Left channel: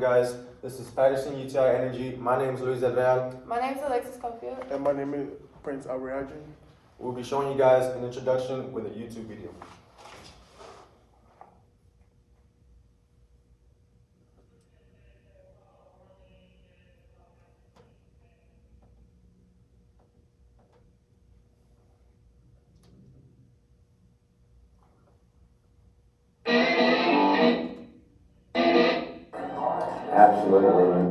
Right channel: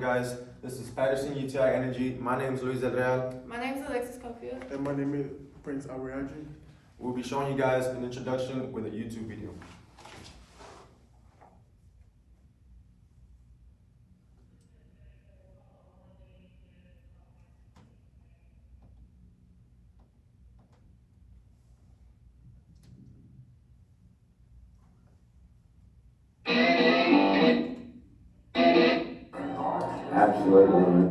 Guys, this is Patterson UTI Energy. My name is Luis Del Real. My name is Alexis Confield. And my name is Prince Ariadne. We'll be showing you guys an introduction with a YouTube video. Absolutely.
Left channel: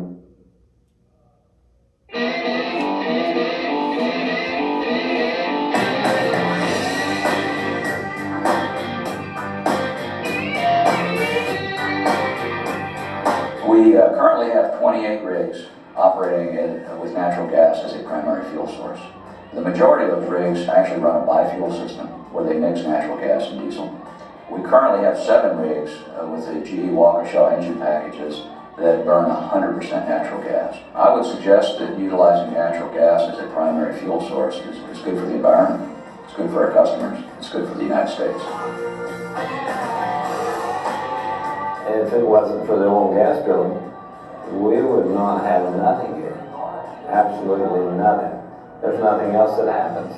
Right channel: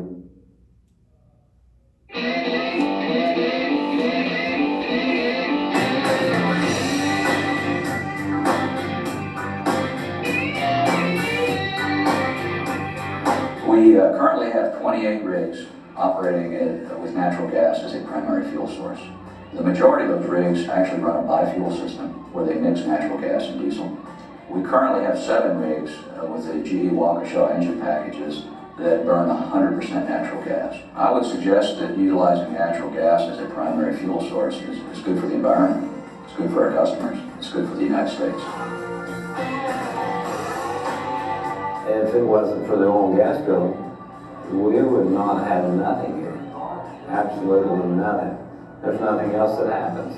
We currently have 28 rigs operating with natural gas as a primary fuel source. The majority of those rigs actually run a bi-fuel system where they mix natural gas and diesel. We currently have 7 rigs with the GE Waukesha engine packages that burn 100% natural gas. I would suggest that utilizing natural gas as a primary fuel source is good for the environment, it's good for our customers, it's good for the United States. If it wasn't for the oil and gas drilling, we would not have nothing here. Absolutely nothing. There's nothing else that happens.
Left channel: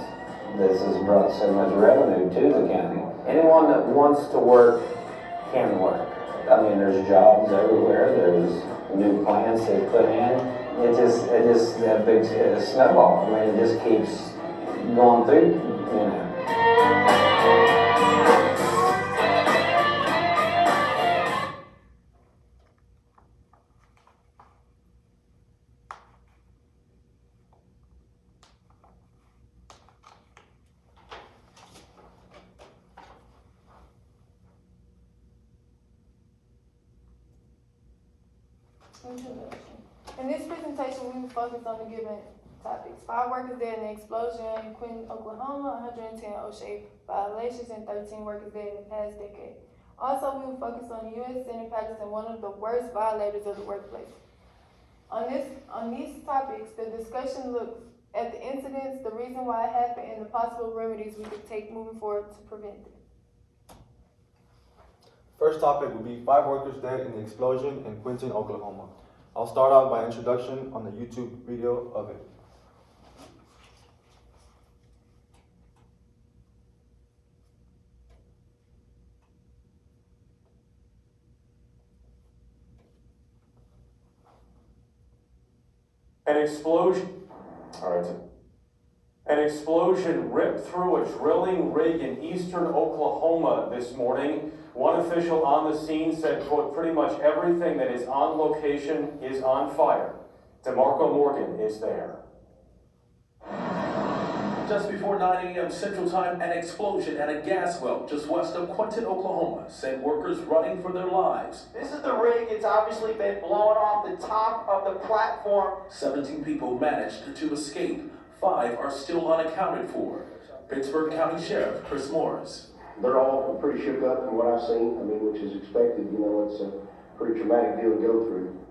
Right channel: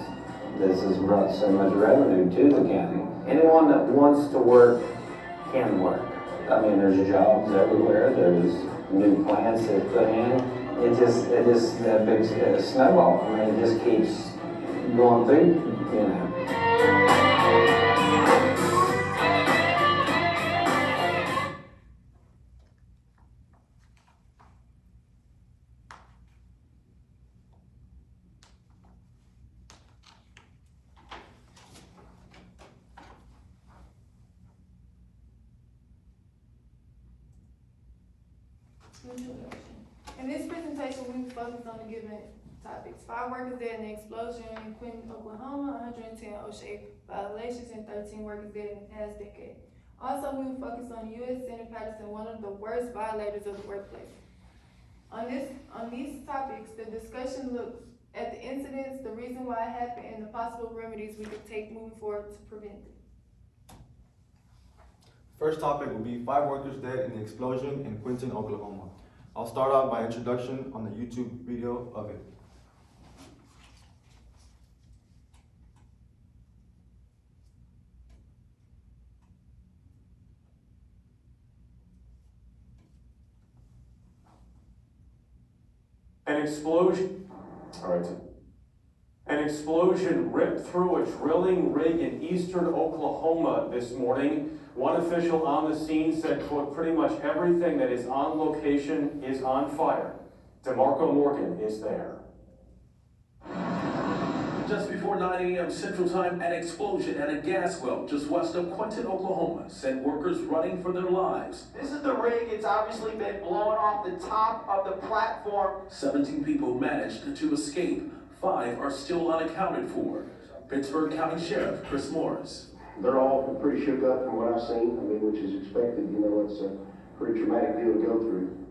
This has brought so much revenue to the county. Anyone that wants to work can work. I mean, there's jobs everywhere. There's new plants they put in. It just a big snowball. I mean, it just keeps going through, you know. In this presentation, we will focus on the given topics. 5 workers dead in the explosion in Quinton, Oklahoma, 110 OSHA violations, and 13 workers dead in the past decade. Also, we will focus on U.S. Senate Patterson, one of the worst violators of the workplace. On these topics, the discussion looks at the incidents, the reason why it happened, and the possible remedies we could take moving forward to prevent it. First topic will be 5 workers dead in the explosion in Quinton, Oklahoma. I'll start out by introduction on the YouTube video of it. An explosion ripped through a drilling rig in eastern Oklahoma this morning. One official on the scene said, quote, pretty much everything that is on location is on fire. DeMarco Morgan is there. Just before 9 a.m. Central Time, an explosion at a gas well just west of Quinton, Oklahoma, sent workers running for their lives. This is the rig. It's obviously been blown off the top of the platform. 17 people managed to escape. 5 are still unaccounted for. Pittsburgh County Sheriff Chris Morris. They're all pretty shook up from what I've seen. I mean, which is expected. You know, it's a pretty traumatic deal to go through.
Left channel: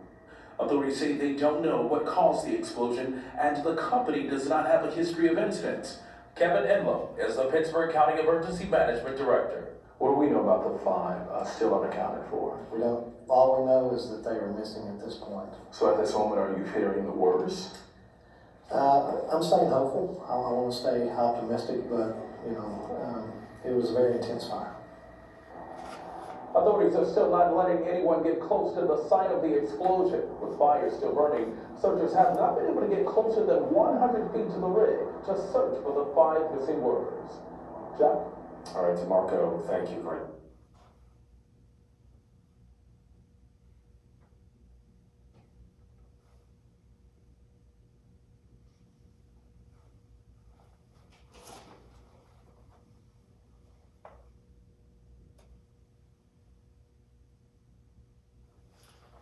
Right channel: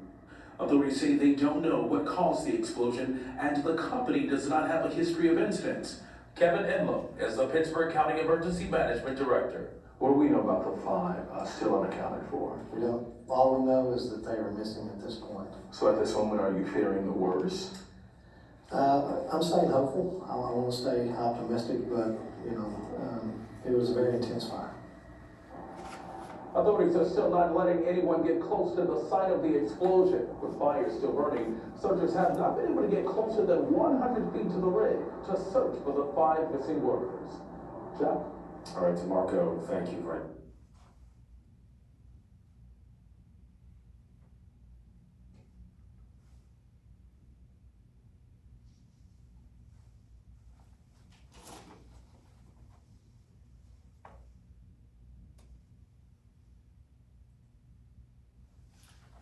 Authorities say they don't know what caused the explosion, and the company does not have a history of incidents. Kevin Enlow is the Pittsburgh County Emergency Management Director. What do we know about the 5 still unaccounted for? We don't. All we know is that they are missing at this point. So at this moment, are you fearing the worst? I'm staying hopeful. I want to stay optimistic, but it was a very intense fire. Authorities are still not letting anyone get close to the site of the explosion. With fires still burning, searchers have not been able to get closer than 100 feet to the rig to search for the 5 missing workers. Jack? All right, DeMarco, thank you. Great.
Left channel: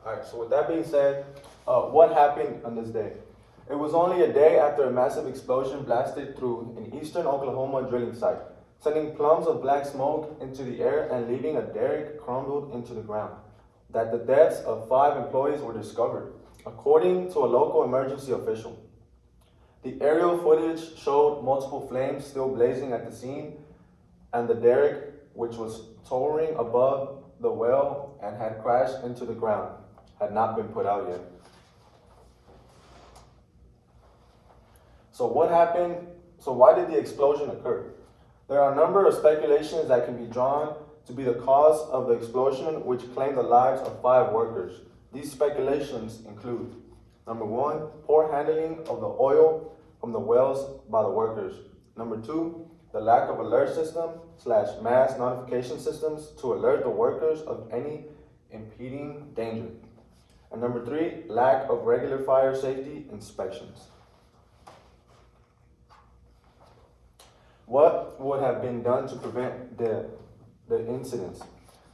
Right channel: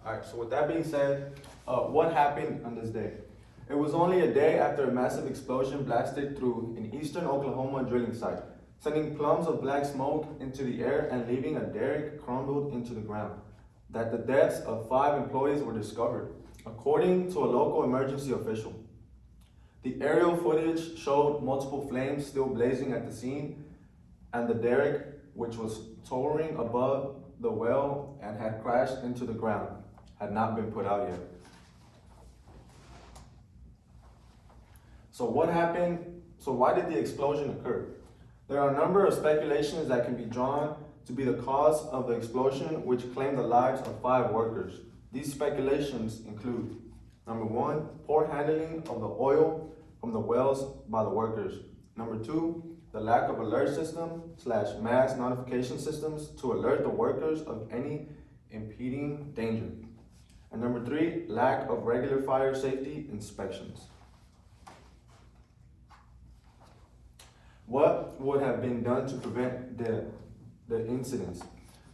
Alright, so with that being said, what happened on this day? It was only a day after a massive explosion blasted through an eastern Oklahoma drilling site, sending plumes of black smoke into the air and leaving a derrick crumbled into the ground, that the deaths of 5 employees were discovered, according to a local emergency official. The aerial footage showed multiple flames still blazing at the scene, and the derrick, which was towering above the well and had crashed into the ground. had not been put out yet. So what happened? So why did the explosion occur? There are a number of speculations that can be drawn to be the cause of the explosion, which claimed the lives of 5 workers. These speculations include: number 1, poor handling of the oil from the wells by the workers. Number 2, the lack of alert system/mass notification systems to alert the workers of any impending danger. And number 3, lack of regular fire safety inspections. What would have been done to prevent the incidents?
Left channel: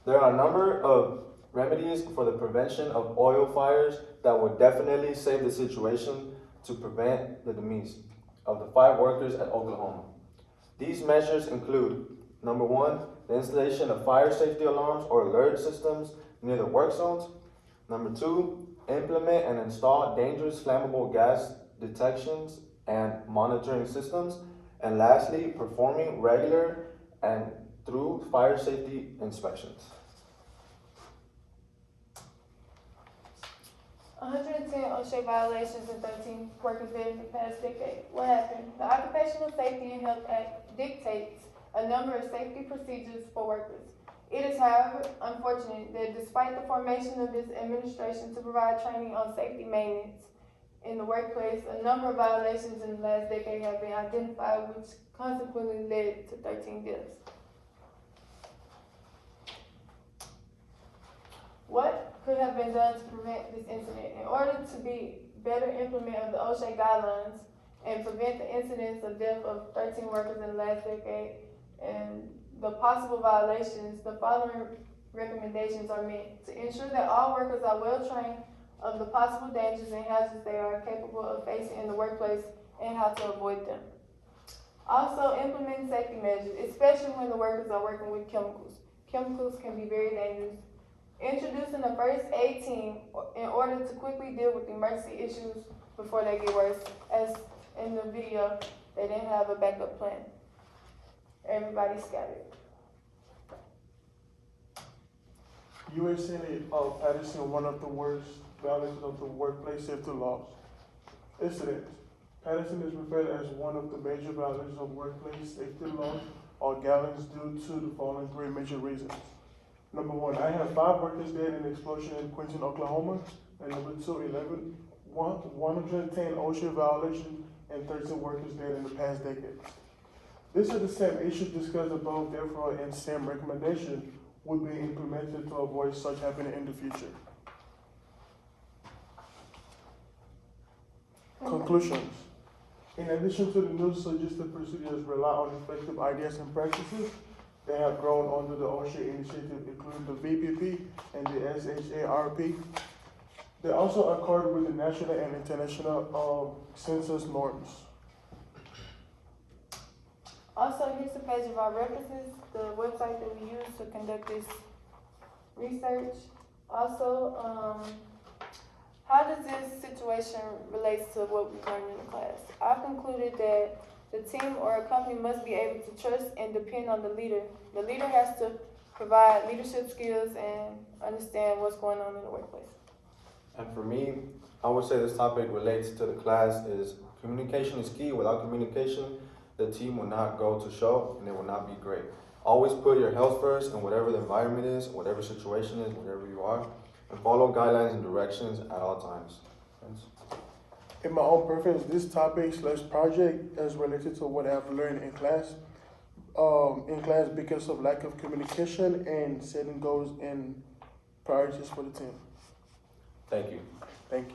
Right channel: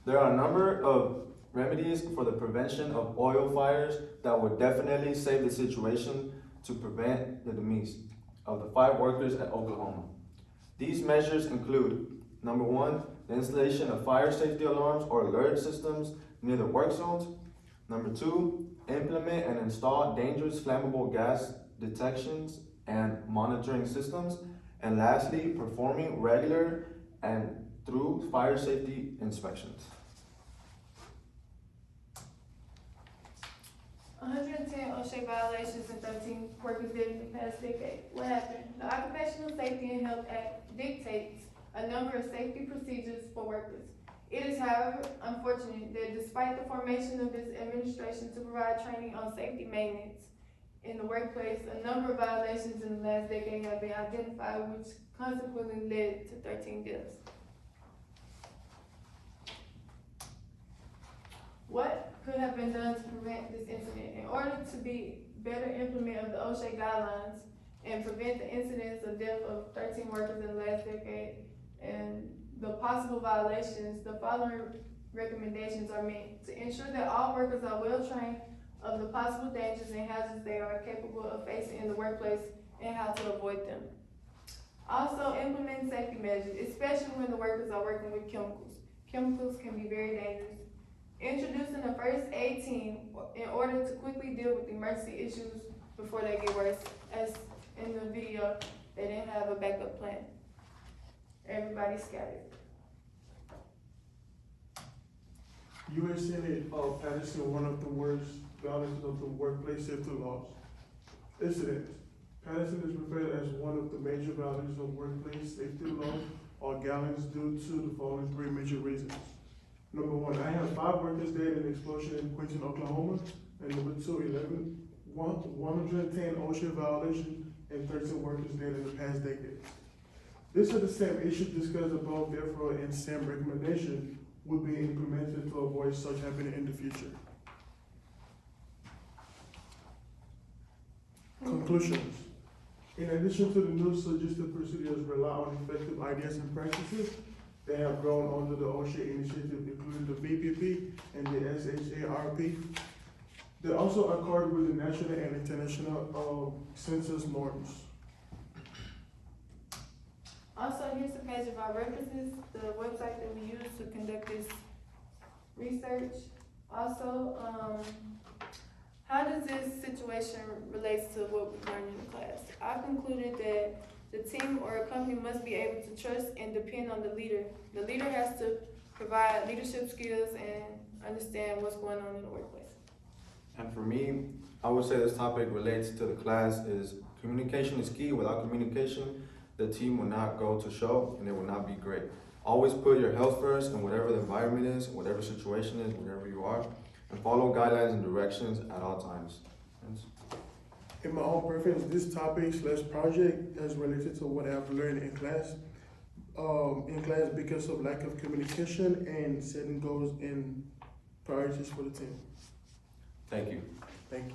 There are a number of remedies for the prevention of oil fires that would definitely save the situation to prevent the demise of the 5 workers at Oklahoma. These measures include: number 1, the installation of fire safety alarms or alert systems near the work zones. Number 2, implement and install dangerous flammable gas detections and monitoring systems. And lastly, performing regular and through fire safety inspections. 110 OSHA violations and 13 workers dead in the past decade. What happened? The Occupational Safety and Health Act dictates a number of safety procedures for workers. It is, however, unfortunate that despite the formation of this administration to provide training on safety maintenance in the workplace, a number of violations in the last decade have been identified, which consequently led to 13 deaths. What could have been done to prevent this incident? In order to be better implement of the OSHA guidelines and prevent the incidents of death of 13 workers in the last decade and the possible violations, the following recommendations are made: to ensure that all workers are well trained of the possible dangers and hazards they are capable of facing in the workplace and how to avoid them. Also, implement safety measures, especially when the workers are working with chemicals. Chemicals can be very dangerous. Introducing a first aid team in order to quickly deal with emergency issues before they get worse. As in the video, they didn't have a backup plan. Everybody scattered. U.S. Senate Patterson, one of the worst violations of the workplace safety laws. Incidents. Patterson is referred as one of the major violations of workplace safety laws or gallons due to the following 3 major reasons. Number 1, I have 5 workers dead in an explosion in Quincy, Oklahoma. And number 2, 110 OSHA violations and 13 workers dead in the past decade. This is the same issue discussed above, therefore, and same recommendation would be implemented to avoid such happening in the future. Conclusions. In addition to the new suggested procedures rely on effective ideas and practices, they have grown under the OSHA initiative, including the VPP and the SHARP. They also accord with the national and international census norms. Also, here's a page of our references, the website that we use to conduct this research. Also, how does this situation relate to what we learned in the class? I've concluded that the team or a company must be able to trust and depend on the leader. The leader has to provide leadership skills and understand what's going on in the workplace. And for me, I would say this topic relates to the class is communication is key. Without communication, the team will not go to show and it will not be great. Always put your health first in whatever the environment is, whatever situation is, wherever you are, and follow guidelines and directions at all times. Thanks. In my own preference, this topic / project is related to what I've learned in class because of lack of communication and setting goals and priorities for the team. Thank you. Thank you.